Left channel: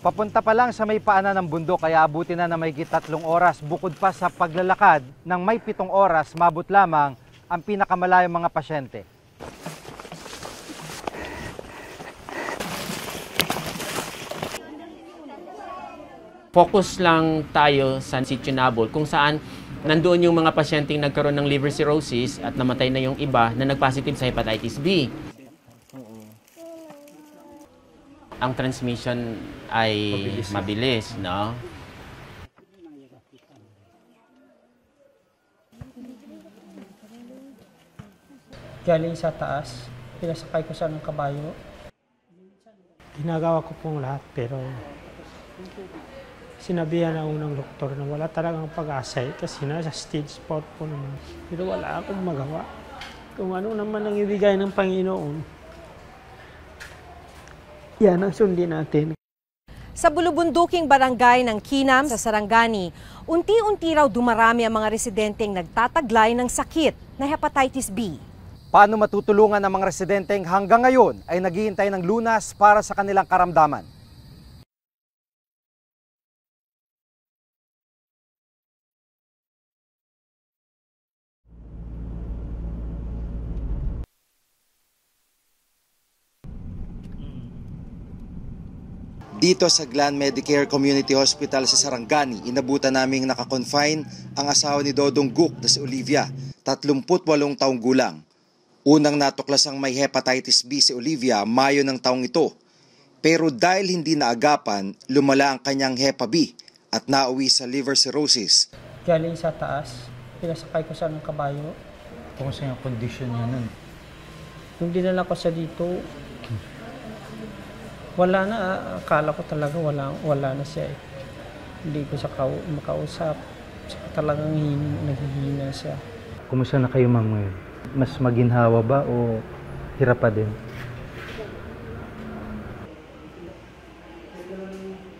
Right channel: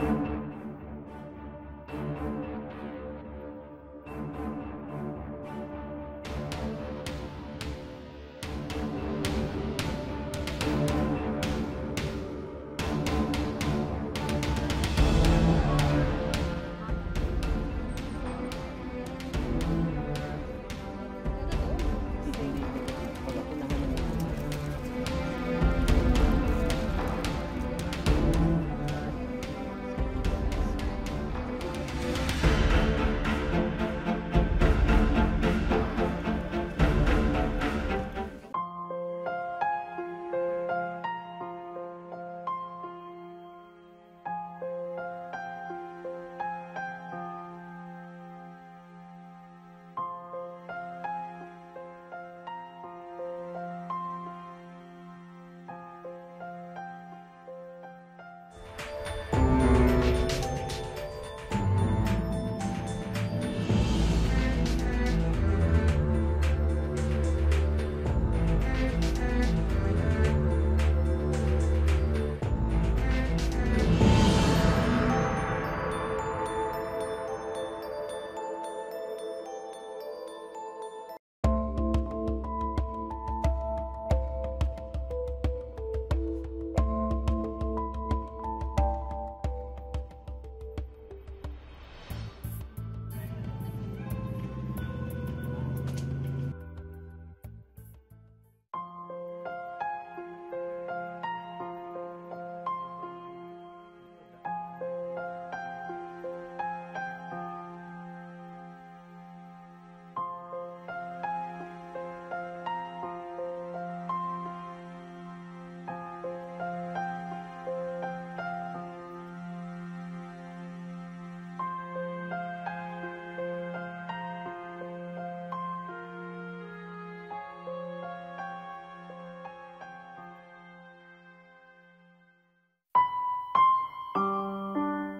Papunta pa lang sa may paanan ng bundok kaya abutin na mahigit 3 oras. Bukod pa sa paglalakad ng may 7 oras, mabot lamang ang pinakamalayong mga pasyente. Focus lang tayo sa Sitio Nabol kung saan nandoon yung mga pasyenteng nagkaroon ng liver cirrhosis at namatay na yung iba na nagpositive sa hepatitis B. Ang transmission ay mabilis, no? Galing sa taas, pinasakay ko sa kabayo. Ginagawa ko pong lahat pero sinabihan ako ng doktor na wala talagang pag-asa kasi nasa stage 4 po naman. Pero wala akong magawa. Kung ano naman ang ibigay ng Panginoon, yan ang sundin natin. Sa bulubunduking barangay ng Kinam sa Sarangani, unti-unti raw dumarami ang mga residenteng nagtataglay ng sakit na hepatitis B. Paano matutulungan ang mga residenteng hanggang ngayon ay naghihintay ng lunas para sa kanilang karamdaman? Dito sa Glan Medicare Community Hospital sa Sarangani, inabutan naming nakakonfine ang asawa ni Dodong Guk na si Olivia, 38 taong gulang. Unang natuklas ang may hepatitis B si Olivia Mayo ng taong ito. Pero dahil hindi naagapan, lumala ang kanyang Hepa B at nauwi sa liver cirrhosis. Galing sa taas, pinasakay ko sa kabayo. Kumusta yung condition niya nun? Nung dinala ko sa dito, wala na, akala ko talaga wala na siya eh. Hindi ko siya makausap. Talagang naghihina siya. Kumusta na kayo, ma'am, ngayon? Mas maginhawa ba o hirap pa din?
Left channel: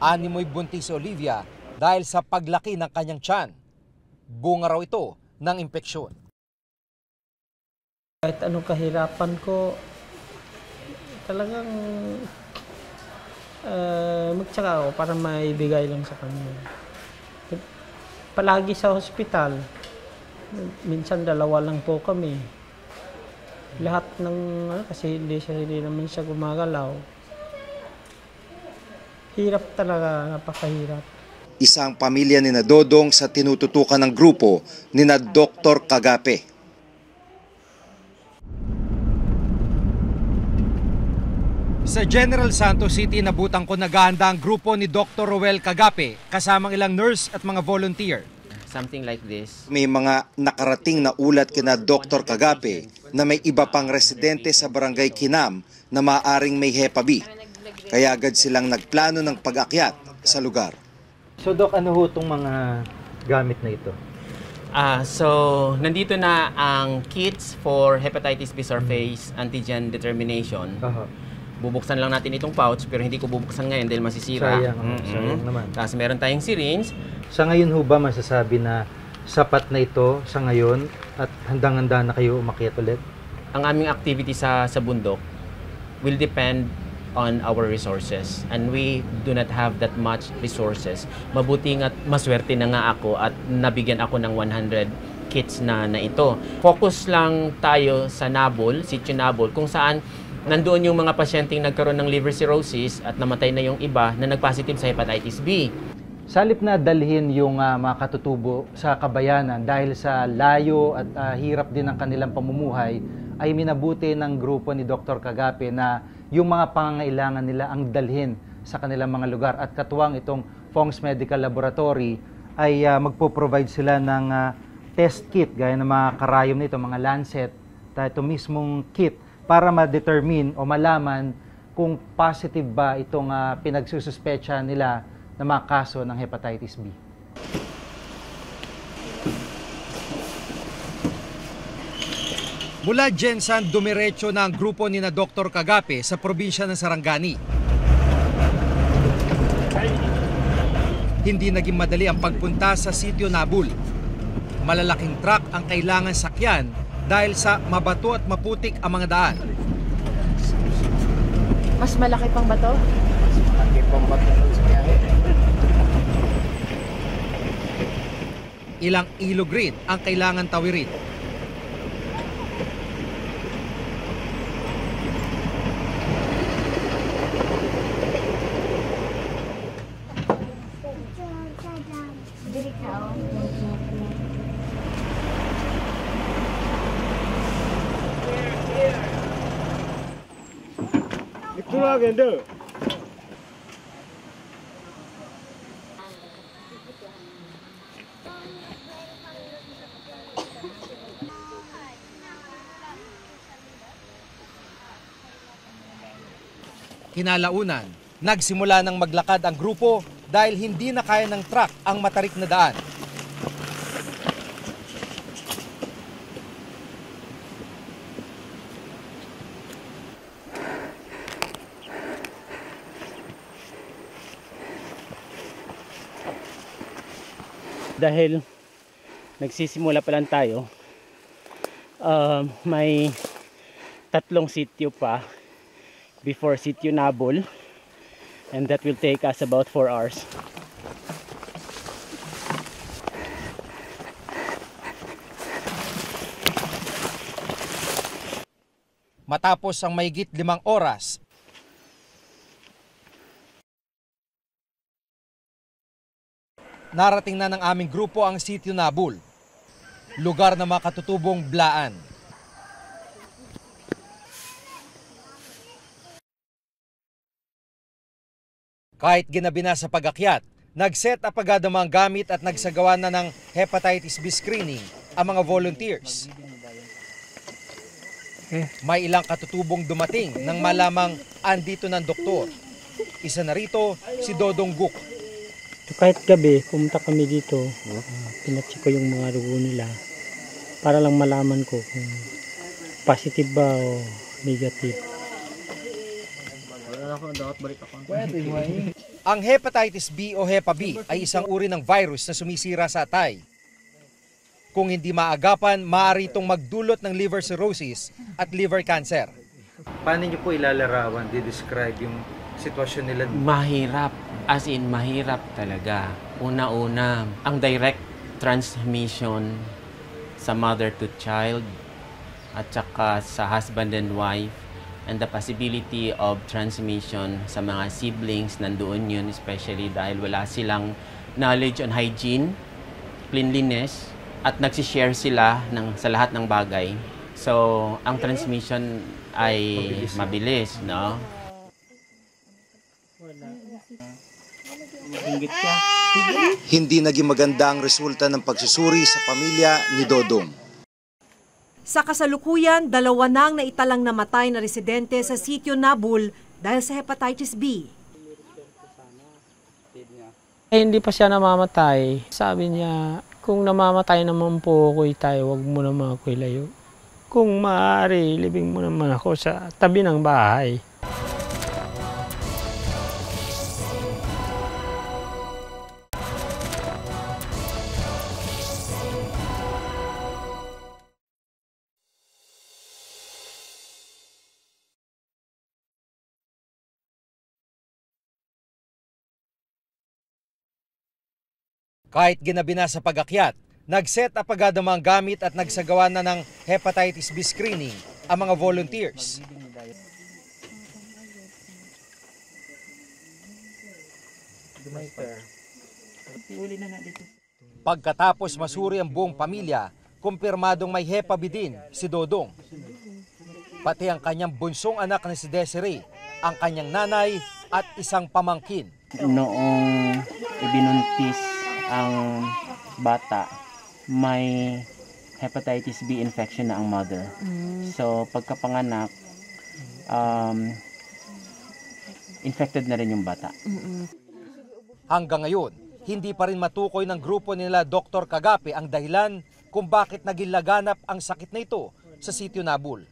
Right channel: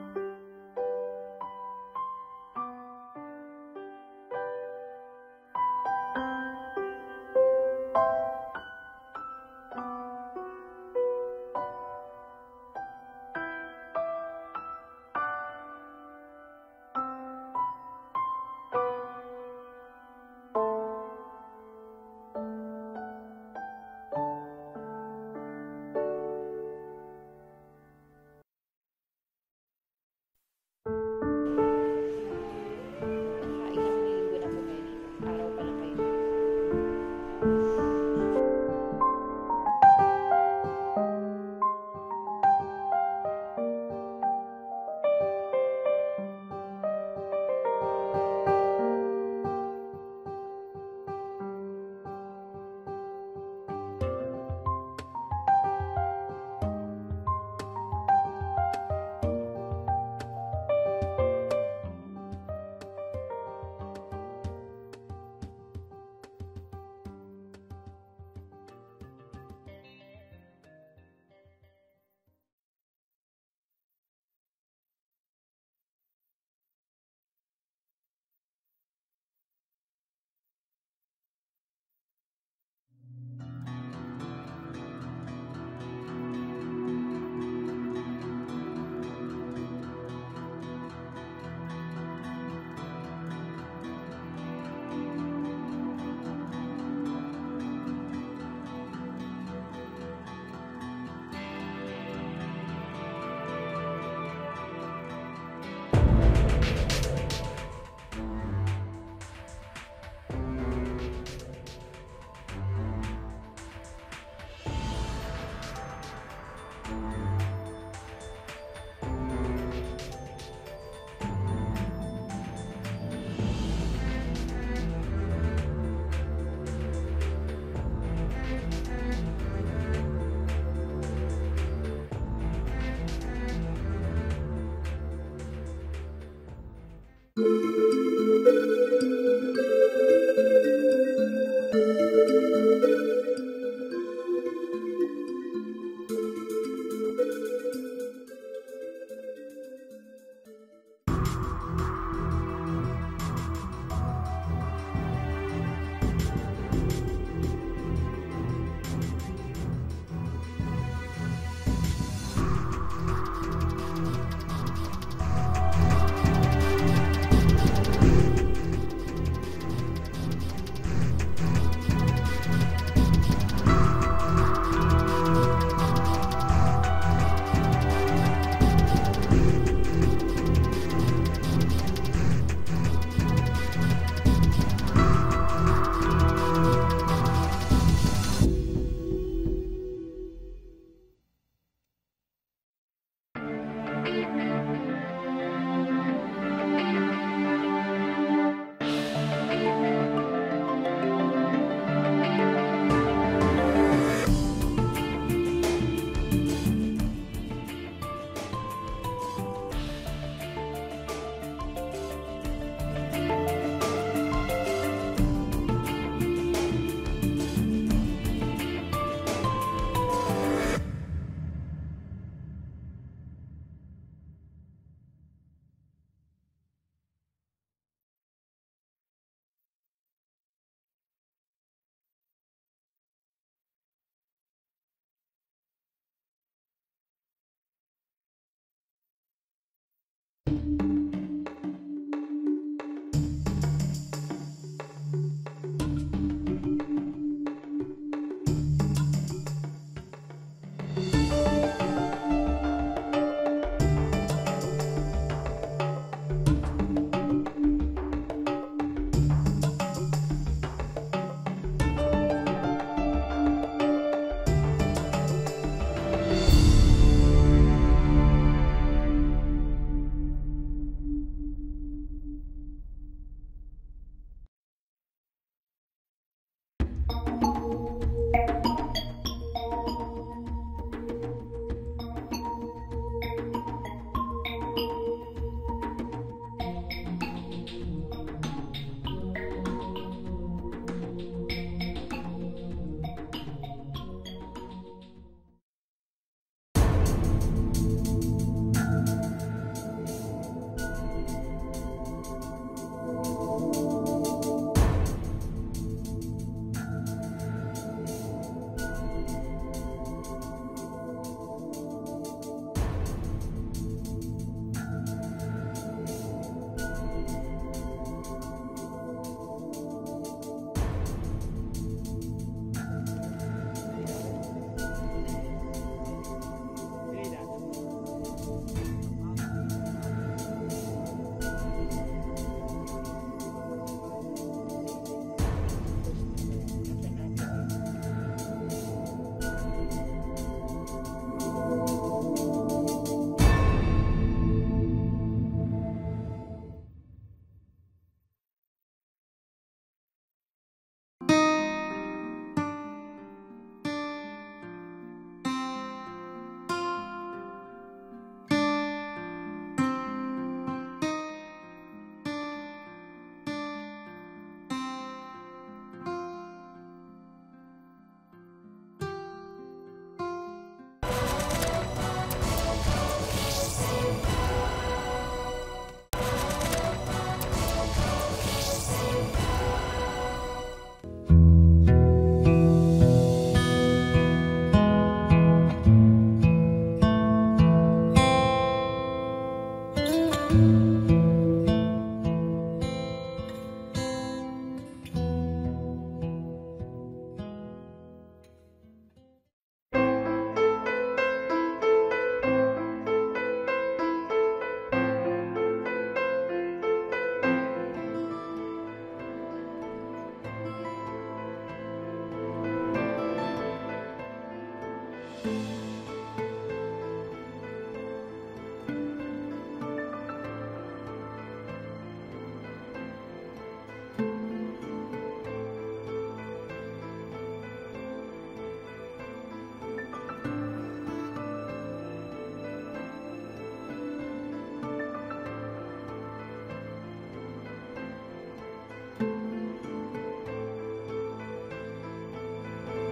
Animoy buntis si Olivia dahil sa paglaki ng kanyang tiyan. Bunga raw ito ng impeksyon. Kahit anong kahirapan ko, talagang magtsaka ako para maibigay lang sa kanya. Palagi sa hospital, minsan 2 lang po kami. Lahat ng, kasi hindi naman siya gumagalaw. Hirap talaga, napakahirap. Isang pamilya ni na Dodong sa tinututukan ng grupo ni na Dr. Kagape. Sa General Santos City, nabutan ko naghahanda ang grupo ni Dr. Roel Kagape kasamang ilang nurse at mga volunteer. Something like this. May mga nakarating na ulat kina Dr. Kagape na may iba pang residente sa barangay Kinam na maaaring may Hepa B. Kaya agad silang nagplano ng pag-akyat sa lugar. So Doc, ano ho itong mga gamit na ito? So, nandito na ang kits for hepatitis B surface antigen determination. Bubuksan lang natin itong pouch pero hindi ko bubuksan ngayon dahil masisira. Sayang naman. Tapos meron tayong syringe. Sa ngayon ho ba masasabi na sapat na ito sa ngayon at handang-handa na kayo umakyat ulit? Ang aming activity sa bundok will depend on our resources and we do not have that much resources. Mabuti nga't maswerte na nga ako at nabigyan ako ng 100 kits na ito. Focus lang tayo sa Nabol, Sitio Nabol, kung saan nandoon yung mga pasyenteng nagkaroon ng liver cirrhosis at namatay na yung iba na nagpositive sa hepatitis B. Sa halip na dalhin yung mga katutubo sa kabayanan dahil sa layo at hirap din ng kanilang pamumuhay, ay minabuti ng grupo ni Dr. Kagape na yung mga pangangailangan nila ang dalhin sa kanilang mga lugar. At katuwang itong Pong's Medical Laboratory ay magpo-provide sila ng test kit gaya ng mga karayom nito, mga lancet, ito mismong kit para ma-determine o malaman kung positive ba itong pinagsususpecha nila na mga kaso ng hepatitis B. Mula Jensan, dumiretso na ang grupo ni na Dr. Kagape sa probinsya ng Sarangani. Hindi naging madali ang pagpunta sa Sitio Nabol. Malalaking truck ang kailangan sakyan dahil sa mabato at maputik ang mga daan. Mas malaki pang bato? Malaki pang bato. Ilang ilog rin ang kailangan tawirin. Kinalaunan, nagsimula ng maglakad ang grupo dahil hindi na kaya ng truck ang matarik na daan. Dahil nagsisimula pa lang tayo, may 3 sitio pa before Sitio Nabol, and that will take us about 4 hours. Matapos ang mahigit 5 oras, narating na ng aming grupo ang Sitio Nabol, lugar ng mga katutubong Blaan. Kahit ginabi na sa pag-akyat, nag-set up agad ang mga gamit at nagsagawa na ng hepatitis B screening ang mga volunteers. May ilang katutubong dumating nang malamang andito ng doktor. Isa na rito si Dodong Guk. Kahit gabi, pumunta kami dito, pinatsi ko yung mga dugo nila para lang malaman ko kung positive ba o negative. Ang hepatitis B o Hepa B ay isang uri ng virus na sumisira sa atay. Kung hindi maagapan, maaari itong magdulot ng liver cirrhosis at liver cancer. Paano niyo po ilalarawan, di-describe yung sitwasyon nila? Mahirap, as in mahirap talaga. Una-una, ang direct transmission sa mother to child at saka sa husband and wife, and the possibility of transmission sa mga siblings, nandoon yun, especially dahil wala silang knowledge on hygiene, cleanliness, at nagsishare sila sa lahat ng bagay. So, ang transmission ay mabilis, no? Hindi naging maganda ang resulta ng pagsusuri sa pamilya ni Dodong. Sa kasalukuyan, 2 nang naitalang namatay na residente sa Sitio Nabol dahil sa hepatitis B. Hindi pa siya namamatay. Sabi niya, kung namamatay naman po ako tayo, wag mo naman ako ilayo. Kung maaari, libing mo naman ako sa tabi ng bahay. Kahit ginabi na sa pag-akyat, nag-set up agad ang mga gamit at nagsagawa na ng hepatitis B screening ang mga volunteers. Pagkatapos masuri ang buong pamilya, kumpirmadong may Hepa B din si Dodong. Pati ang kanyang bunsong anak na si Desiree, ang kanyang nanay at isang pamangkin. Noong ibinuntis ang bata, may hepatitis B infection na ang mother. So, pagkapanganak, infected na rin yung bata. Hanggang ngayon, hindi pa rin matukoy ng grupo nila Dr. Kagape ang dahilan kung bakit naging laganap ang sakit na ito sa Sitio Nabol.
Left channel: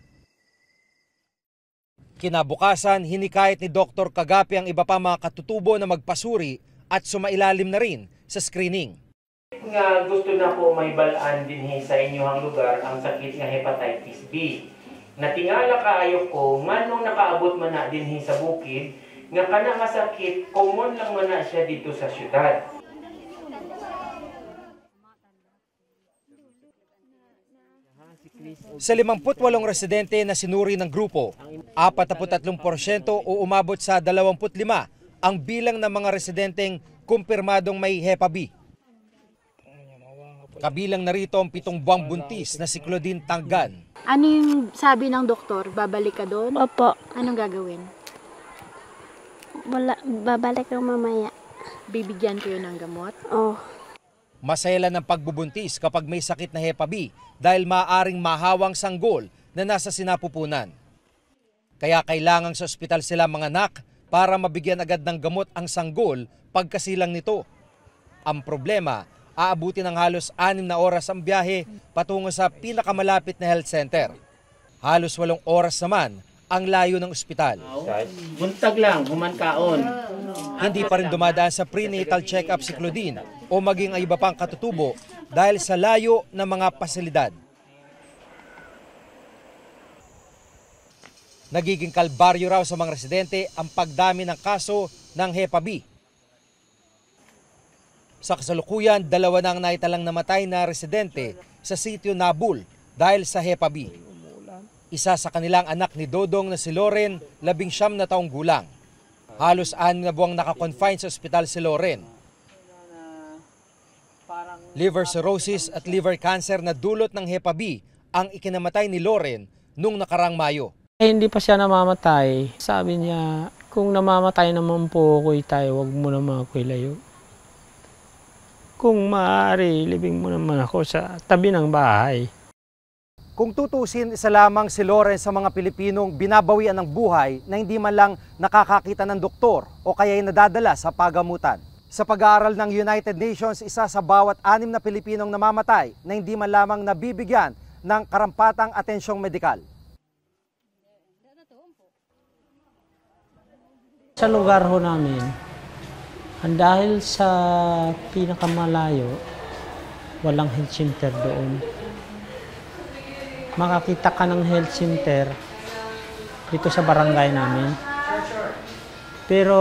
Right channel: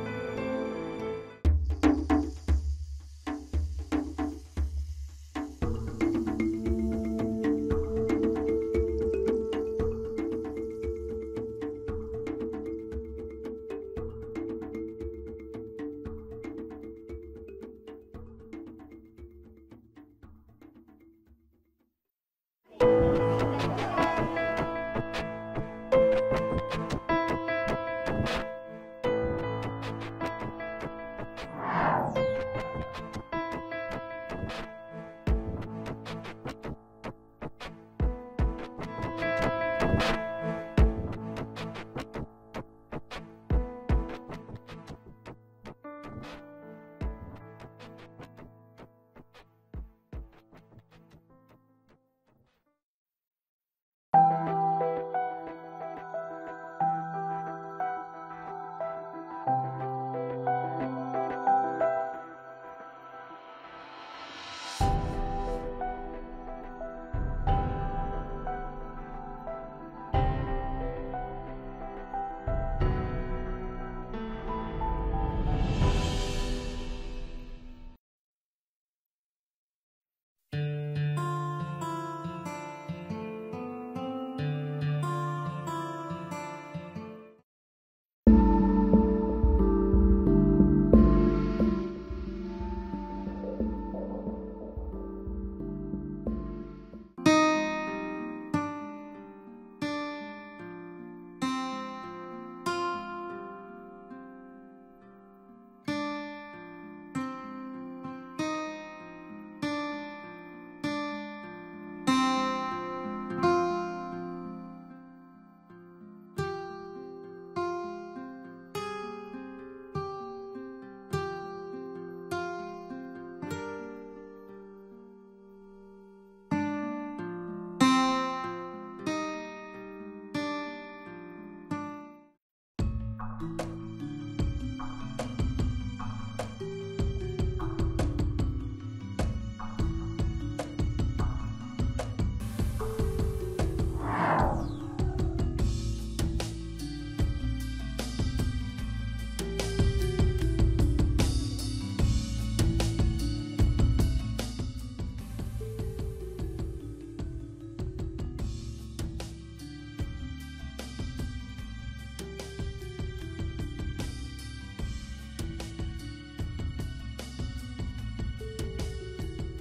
Kinabukasan, hinikayat ni Dr. Kagape ang iba pa mga katutubo na magpasuri at sumailalim na rin sa screening. Nga gusto na po may balaan din sa inyong lugar ang sakit nga hepatitis B. Natingala kaayo ko, manong nakaabot man na din sa bukid, Nga kana kasakit, common lang man na siya dito sa syudad. Sa 58 residente na sinuri ng grupo, 43% o umabot sa 25 ang bilang ng mga residenteng kumpirmadong may Hepa B. Kabilang na rito ang 7 buwang buntis na si Claudine Tanggan. Ano yung sabi ng doktor? Babalik ka doon? Opo. Anong gagawin? Wala, babalik lang mamaya. Bibigyan kayo ng gamot? Oh. Maselan ng pagbubuntis kapag may sakit na Hepa B dahil maaaring mahawang sanggol na nasa sinapupunan. Kaya kailangan sa ospital sila mga anak para mabigyan agad ng gamot ang sanggol pagkasilang nito. Ang problema, aabutin ng halos 6 na oras ang biyahe patungo sa pinakamalapit na health center. Halos 8 oras naman ang layo ng ospital. Buntag lang, humankaon. Hindi pa rin dumadaan sa prenatal check-up si Claudine o maging ang iba pang katutubo dahil sa layo ng mga pasilidad. Nagiging kalbaryo raw sa mga residente ang pagdami ng kaso ng Hepa B. Sa kasalukuyan, 2 na ang naitalang namatay na residente sa sitio Nabul dahil sa Hepa B. Isa sa kanilang anak ni Dodong na si Loren, 19 na taong gulang. Halos 6 na buwang nakakonfine sa ospital si Loren. Liver cirrhosis at liver cancer na dulot ng Hepa B ang ikinamatay ni Loren noong nakarang Mayo. Hindi pa siya namamatay. Sabi niya, kung namamatay naman po ako tayo, wag mo naman ako ilayo. Kung maaari, libing mo naman ako sa tabi ng bahay. Kung tutusin, isa lamang si Loren sa mga Pilipinong binabawian ng buhay na hindi man lang nakakakita ng doktor o kaya'y nadadala sa pagamutan. Sa pag-aaral ng United Nations, isa sa bawat 6 na Pilipinong namamatay na hindi man lamang nabibigyan ng karampatang atensyong medikal. Sa lugar ho namin, dahil sa pinakamalayo, walang health center doon. Makakita ka ng health center dito sa barangay namin. Pero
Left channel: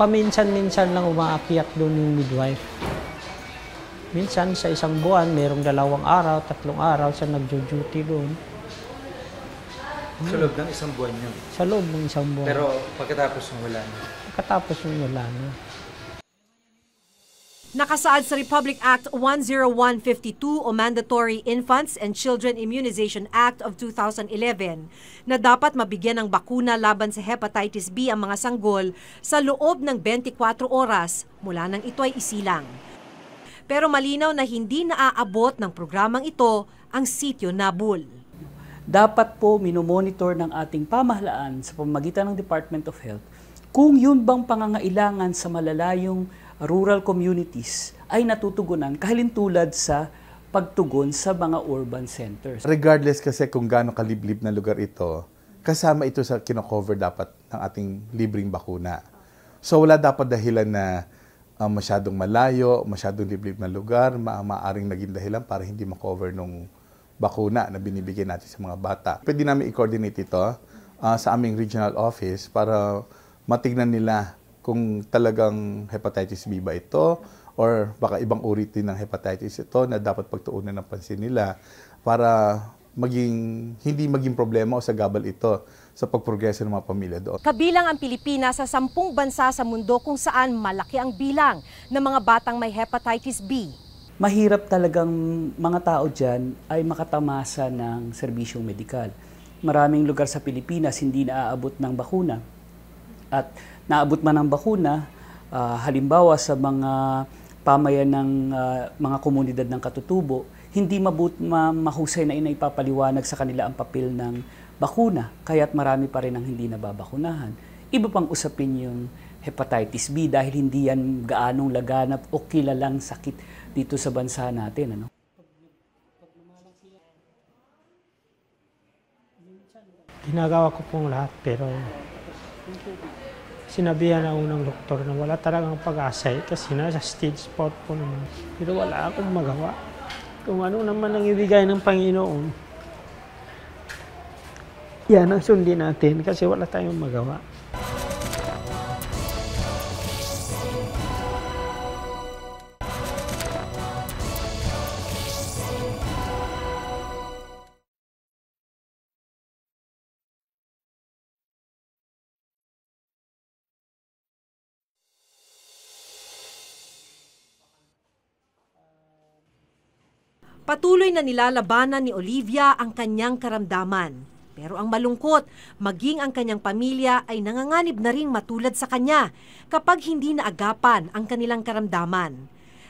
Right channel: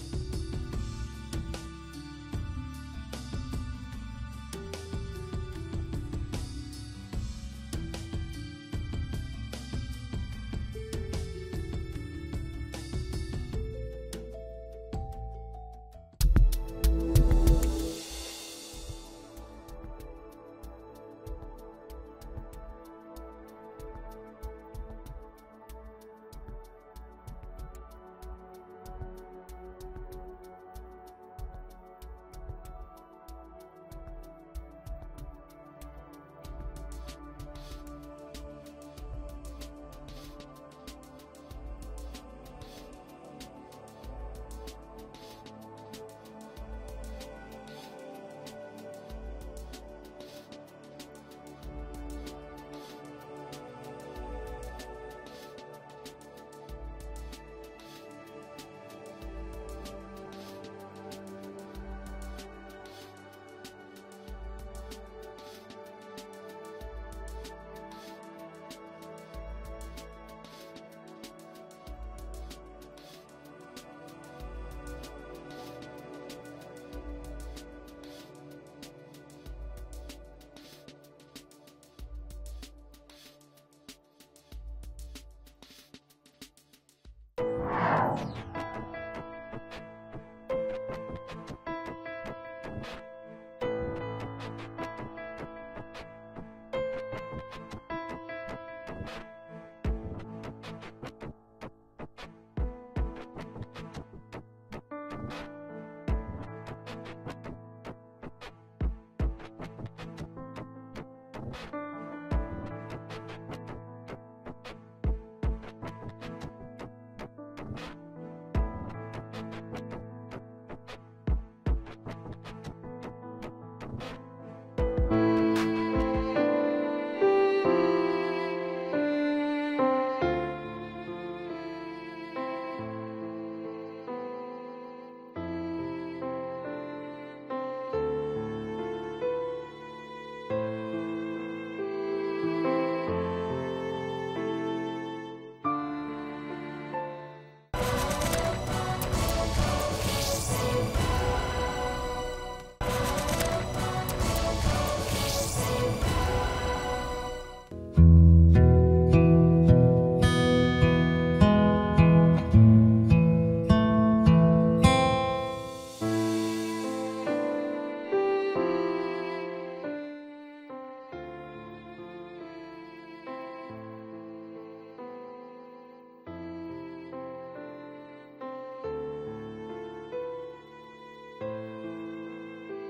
paminsan-minsan lang umaakyat doon yung midwife. Minsan sa isang buwan, mayroong 2 araw, 3 araw siya nagjo-duty doon. Sa loob ng isang buwan yun. Sa loob ng isang buwan. Pero pagkatapos ng wala na. Pagkatapos yung wala na. Nakasaad sa Republic Act 10152 o Mandatory Infants and Children Immunization Act of 2011 na dapat mabigyan ng bakuna laban sa hepatitis B ang mga sanggol sa loob ng 24 oras mula nang ito ay isilang. Pero malinaw na hindi naaabot ng programang ito ang sitio Nabul. Dapat po minomonitor ng ating pamahalaan sa pamamagitan ng Department of Health kung yun bang pangangailangan sa malalayong rural communities ay natutugunan kahilintulad sa pagtugon sa mga urban centers. Regardless kasi kung gaano kaliblib na lugar ito, kasama ito sa kino-cover dapat ng ating libreng bakuna. So wala dapat dahilan na masyadong malayo, masyadong liblib na lugar, maaaring naging dahilan para hindi ma-cover nung bakuna na binibigyan natin sa mga bata. Pwede namin i-coordinate ito sa aming regional office para matignan nila kung talagang hepatitis B ba ito or baka ibang uri din ng hepatitis ito na dapat pagtuunan ng pansin nila para hindi maging problema o sagabal ito sa pagprogreso ng mga pamilya doon. Kabilang ang Pilipinas sa 10 bansa sa mundo kung saan malaki ang bilang ng mga batang may hepatitis B. Mahirap talagang mga tao dyan ay makatamasa ng serbisyong medikal. Maraming lugar sa Pilipinas hindi naaabot ng bakuna. At naabot man ng bakuna, halimbawa sa mga pamayan ng mga komunidad ng katutubo, hindi mahusay na inaipapaliwanag sa kanila ang papel ng bakuna, kaya't marami pa rin ang hindi nababakunahan. Iba pang usapin yung hepatitis B dahil hindi yan gaanong laganap o kilalang sakit dito sa bansa natin. Ginagawa ko pong lahat pero sinabihan ako ng doktor na wala talagang pag-asa kasi nasa stage 4 po naman. Pero wala akong magawa. Kung ano naman ang ibigay ng Panginoon, yan ang sundin natin kasi wala tayong magawa. Patuloy na nilalabanan ni Olivia ang kanyang karamdaman. Pero ang malungkot, maging ang kanyang pamilya ay nanganganib na ring matulad sa kanya kapag hindi naagapan ang kanilang karamdaman.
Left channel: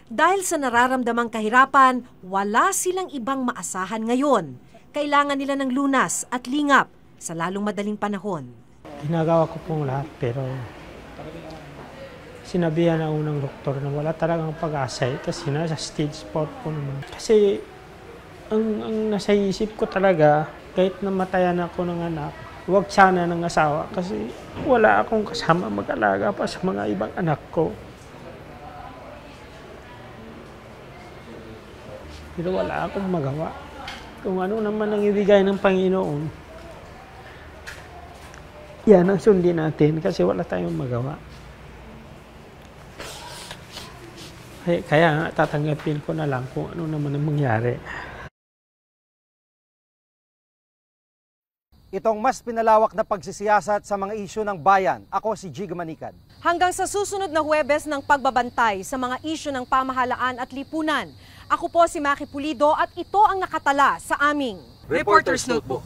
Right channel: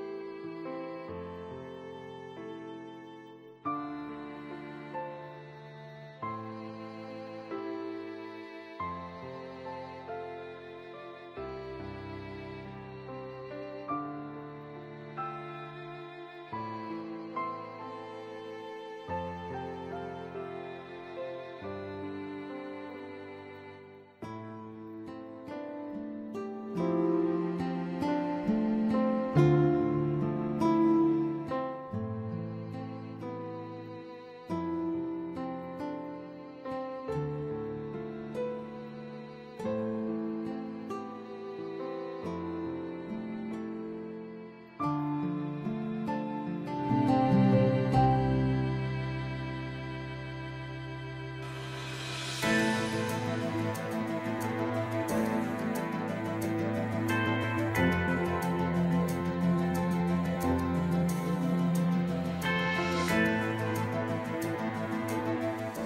Dahil sa nararamdamang kahirapan, wala silang ibang maasahan ngayon. Kailangan nila ng lunas at lingap sa lalong madaling panahon. Ginagawa ko pong lahat pero sinabihan na unang doktor na wala talagang pag-asa. Kasi nasa stage 4 po naman. Kasi ang nasa isip ko talaga, kahit namatayan ako ng anak, huwag sana ng asawa kasi wala akong kasama mag-alaga pa sa mga ibang anak ko. Pero wala akong magawa. Kung ano naman ang ibigay ng Panginoon, yan ang sundin natin kasi wala tayong magawa. Kaya tatanggapin ko na lang kung ano naman ang mangyari. Itong mas pinalawak na pagsisiyasat sa mga isyu ng bayan. Ako si Jig Manikan. Hanggang sa susunod na Huwebes ng pagbabantay sa mga isyu ng pamahalaan at lipunan. Ako po si Maki Pulido at ito ang nakatala sa aming Reporter's Notebook.